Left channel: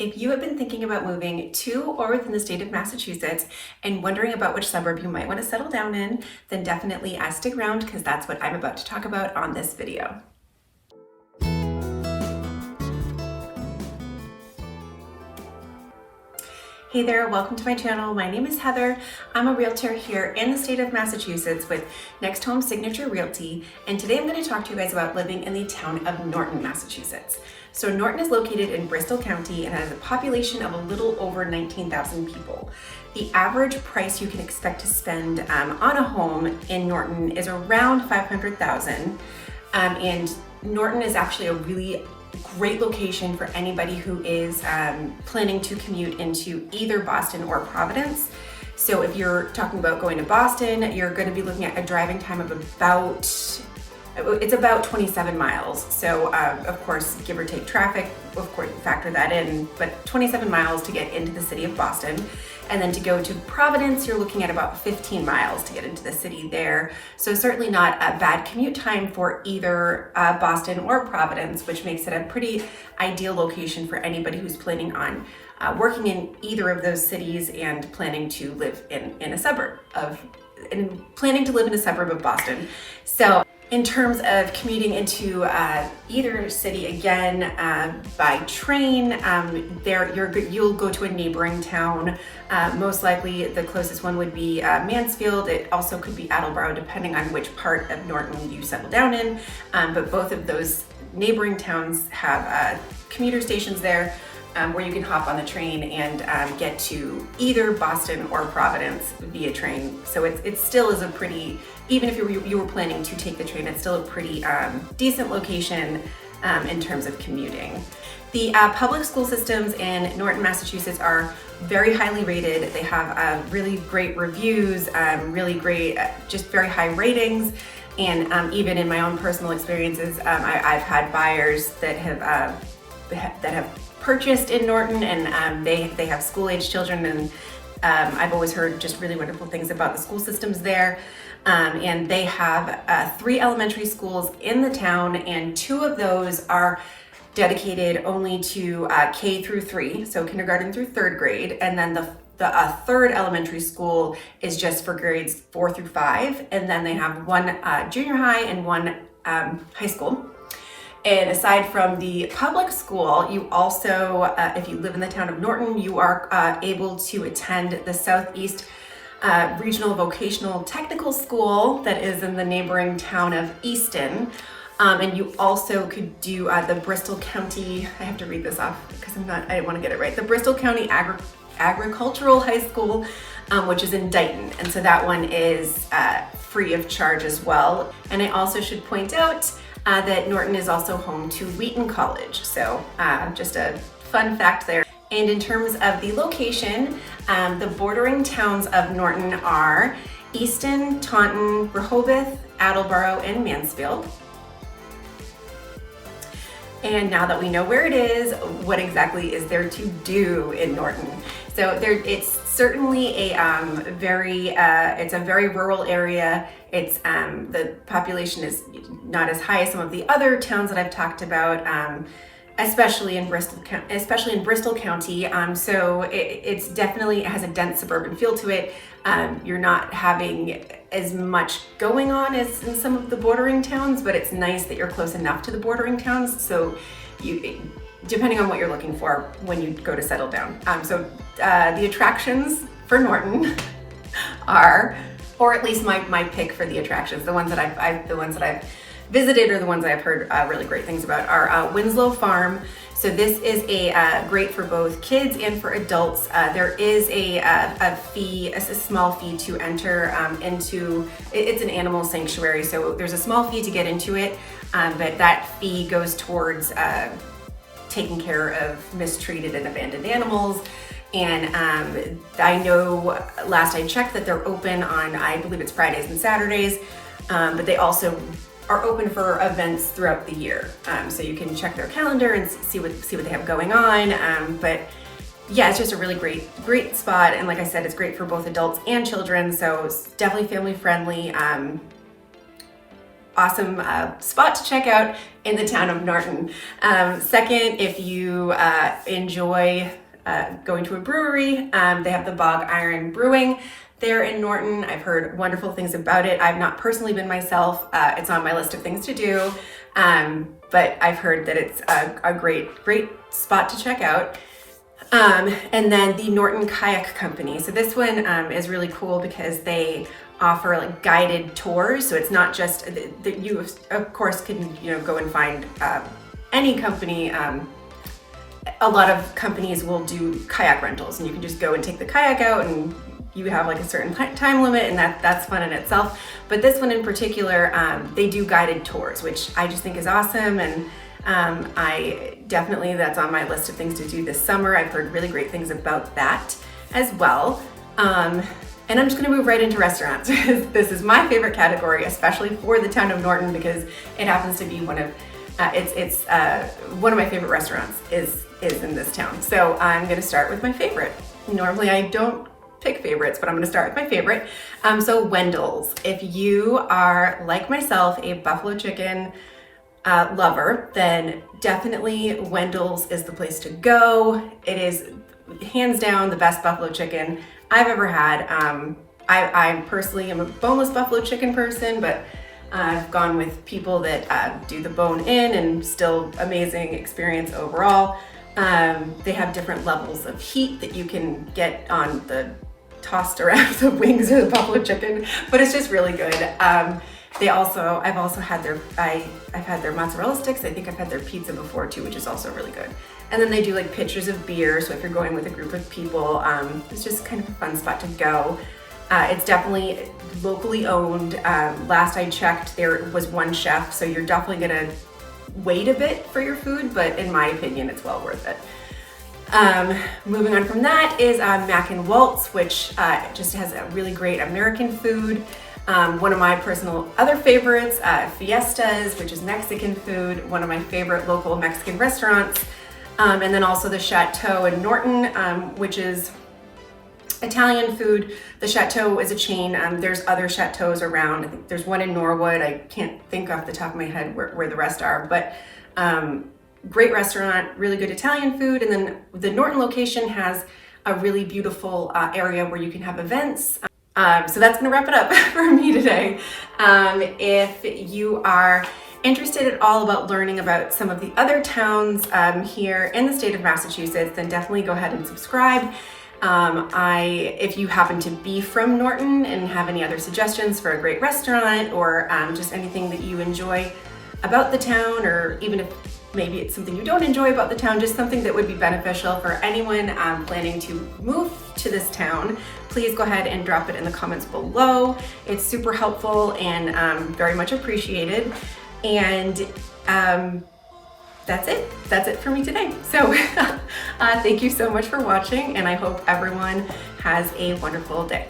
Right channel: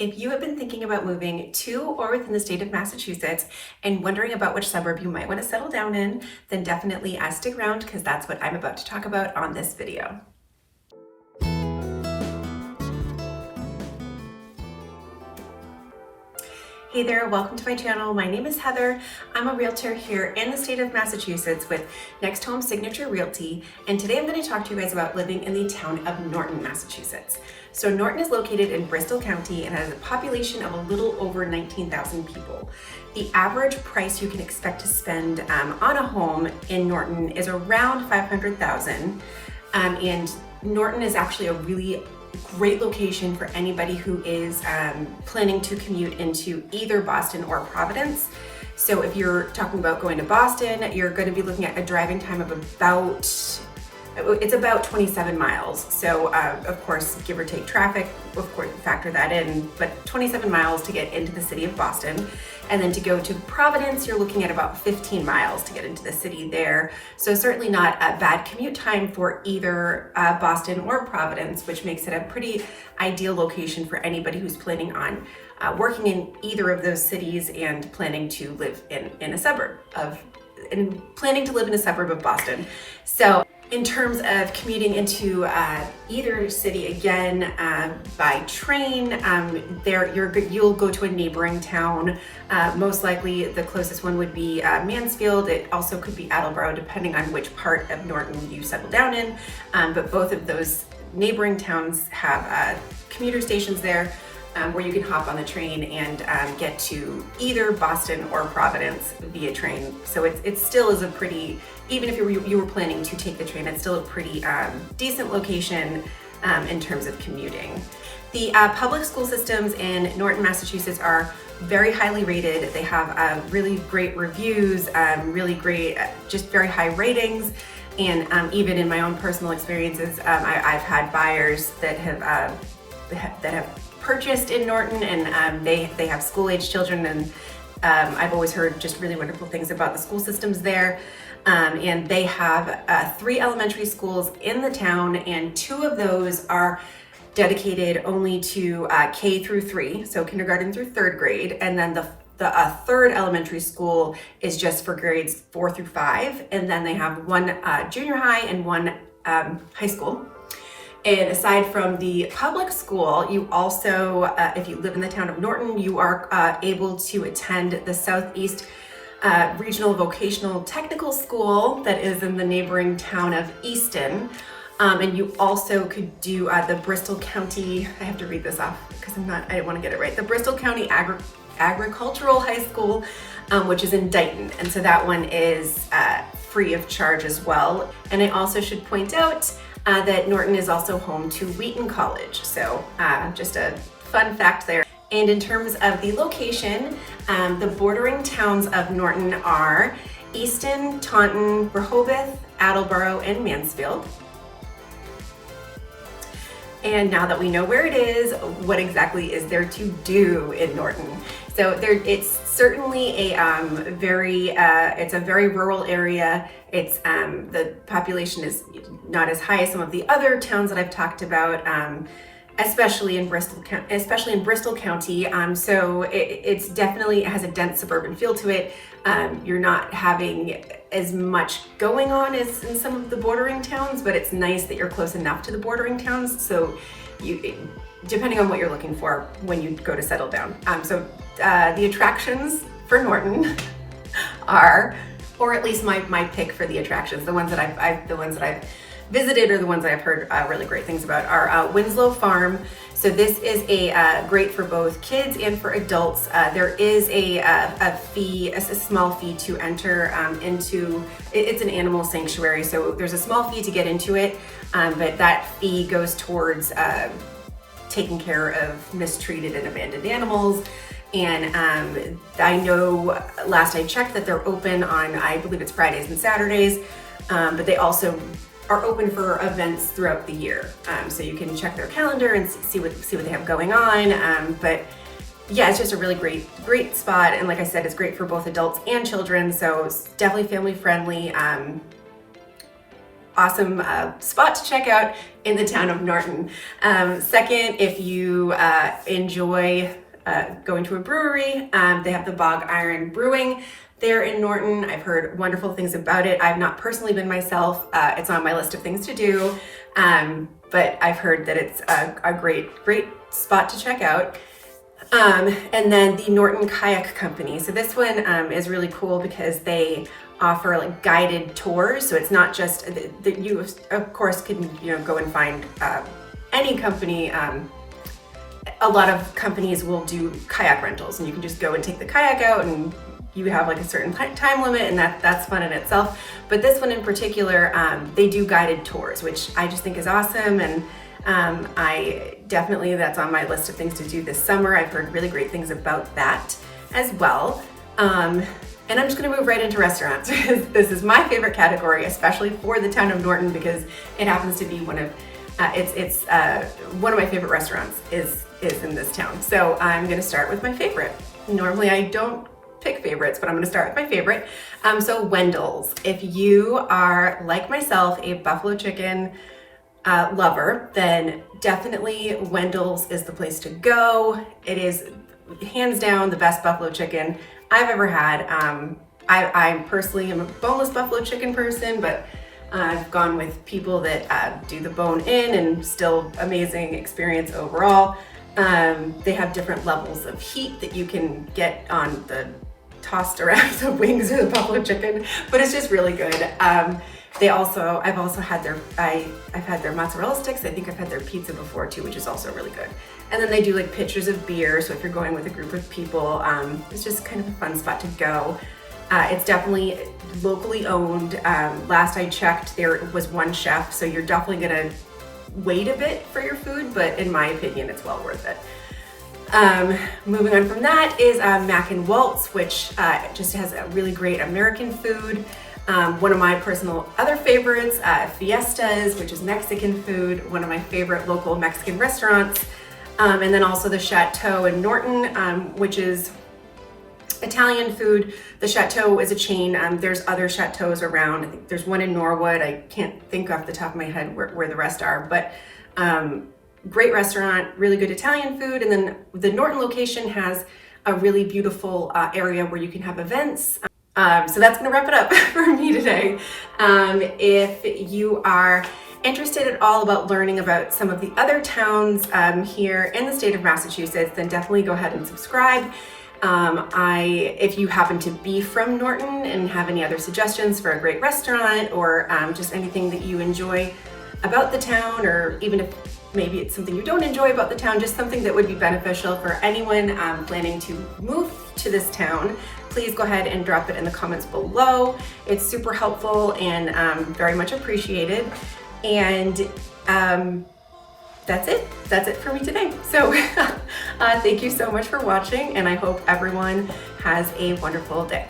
If you have been thinking about moving to or within the state of Massachusetts and wondering about which suburb you might want to settle down in, then definitely stick around because that's what I'm about to talk about on this video. Hey there, welcome to my channel. My name is Heather. I'm a realtor here in the state of Massachusetts with Next Home Signature Realty, and today I'm going to talk to you guys about living in the town of Norton, Massachusetts. So Norton is located in Bristol County and has a population of a little over 19,000 people. The average price you can expect to spend on a home in Norton is around $500,000, and Norton is actually a really great location for anybody who is planning to commute into either Boston or Providence. So if you're talking about going to Boston, you're going to be looking at a driving time of about 27 miles. So of course, give or take traffic, of course, factor that in, but 27 miles to get into the city of Boston. And then to go to Providence, you're looking at about 15 miles to get into the city there. So certainly not a bad commute time for either Boston or Providence, which makes it a pretty ideal location for anybody who's planning on working in either of those cities and planning to live in a suburb of Boston. So in terms of commuting into either city, again, by train, you'll go to a neighboring town. Most likely the closest one would be Mansfield. It also could be Attleboro, depending on which part of Norton you settle down in. But both of those neighboring towns have commuter stations there where you can hop on the train and get to either Boston or Providence via train. So it still is a pretty, even if you were planning to take the train, it's still a pretty decent location in terms of commuting. The public school systems in Norton, Massachusetts are very highly rated. They have really great reviews, really great, just very high ratings. And even in my own personal experiences, I've had buyers that have purchased in Norton, and they have school-age children, and I've always heard just really wonderful things about the school systems there. And they have 3 elementary schools in the town, and 2 of those are dedicated only to K through 3, so kindergarten through 3rd grade, and then the 3rd elementary school is just for grades 4 through 5, and then they have 1 junior high and 1 high school. And aside from the public school, you also, if you live in the town of Norton, you are able to attend the Southeast Regional Vocational Technical School that is in the neighboring town of Easton. And you also could do the Bristol County, I have to read this off because I didn't want to get it right, the Bristol County Agricultural High School, which is in Dighton. And so that one is free of charge as well. And I also should point out that Norton is also home to Wheaton College. So just a fun fact there. And in terms of the location, the bordering towns of Norton are Easton, Taunton, Rehoboth, Attleboro, and Mansfield. And now that we know where it is, what exactly is there to do in Norton? So it's certainly a very rural area. It's the population is not as high as some of the other towns that I've talked about, especially in Bristol County. So it's definitely, it has a dense suburban feel to it. You're not having as much going on as in some of the bordering towns, but it's nice that you're close enough to the bordering towns. So depending on what you're looking for when you go to settle down. So the attractions for Norton are, or at least my pick for the attractions, the ones that I've visited or the ones I've heard really great things about are Winslow Farm. So this is great for both kids and for adults. There is a fee, a small fee to enter into. It's an animal sanctuary, so there's a small fee to get into it, but that fee goes towards taking care of mistreated and abandoned animals. And I know last I checked that they're open on, I believe it's Fridays and Saturdays, but they also are open for events throughout the year. So you can check their calendar and see what they have going on. But yeah, it's just a really great spot. And like I said, it's great for both adults and children. So it's definitely family friendly. awesome spot to check out in the town of Norton. Second, if you enjoy going to a brewery, they have the Bog Iron Brewing there in Norton. I've heard wonderful things about it. I've not personally been myself. It's on my list of things to do, but I've heard that it's a great spot to check out. And then the Norton Kayak Company. So this one is really cool because they offer like guided tours. So it's not just that you of course can go and find any company. A lot of companies will do kayak rentals, and you can just go and take the kayak out, and you have like a certain time limit, and that's fun in itself. But this one in particular, they do guided tours, which I just think is awesome, and I definitely, that's on my list of things to do this summer. I've heard really great things about that as well. And I'm just gonna move right into restaurants. This is my favorite category, especially for the town of Norton, because it happens to be one of one of my favorite restaurants is in this town. So I'm gonna start with my favorite. Normally I don't pick favorites, but I'm gonna start with my favorite. So Wendell's. If you are, like myself, a buffalo chicken lover, then definitely Wendell's is the place to go. It is hands down the best buffalo chicken I've ever had. I personally am a boneless buffalo chicken person, but I've gone with people that do the bone in, and still amazing experience overall. They have different levels of heat that you can get on the tossed around the wings of the buffalo chicken, but it's just really good. I've also had I've had their mozzarella sticks. I think I've had their pizza before too, which is also really good. And then they do like pitchers of beer. So if you're going with a group of people, it's just kind of a fun spot to go. It's definitely locally owned. Last I checked, there was one chef, so you're definitely gonna wait a bit for your food, but in my opinion, it's well worth it. Moving on from that is Mac and Waltz, which just has a really great American food. One of my personal other favorites, Fiestas, which is Mexican food, one of my favorite local Mexican restaurants. And then also the Chateau in Norton, which is Italian food. The Chateau is a chain. There's other chateaus around. I think there's one in Norwood. I can't think off the top of my head where the rest are, but great restaurant, really good Italian food. And then the Norton location has a really beautiful area where you can have events. So that's gonna wrap it up for me today. If you are interested at all about learning about some of the other towns here in the state of Massachusetts, then definitely go ahead and subscribe. If you happen to be from Norton and have any other suggestions for a great restaurant, or just anything that you enjoy about the town, or even if maybe it's something you don't enjoy about the town, just something that would be beneficial for anyone planning to move to this town, please go ahead and drop it in the comments below. It's super helpful and very much appreciated. And that's it for me today. So thank you so much for watching, and I hope everyone has a wonderful day.